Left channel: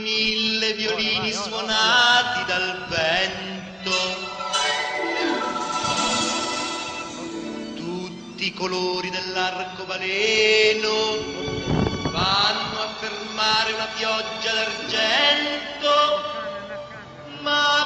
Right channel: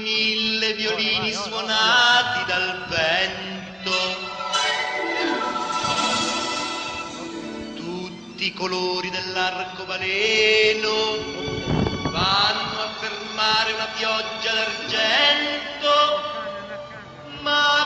mille violini suonati dal vento, tutti i colori dell'arcobaleno vanno a fermare una pioggia d'argento, ma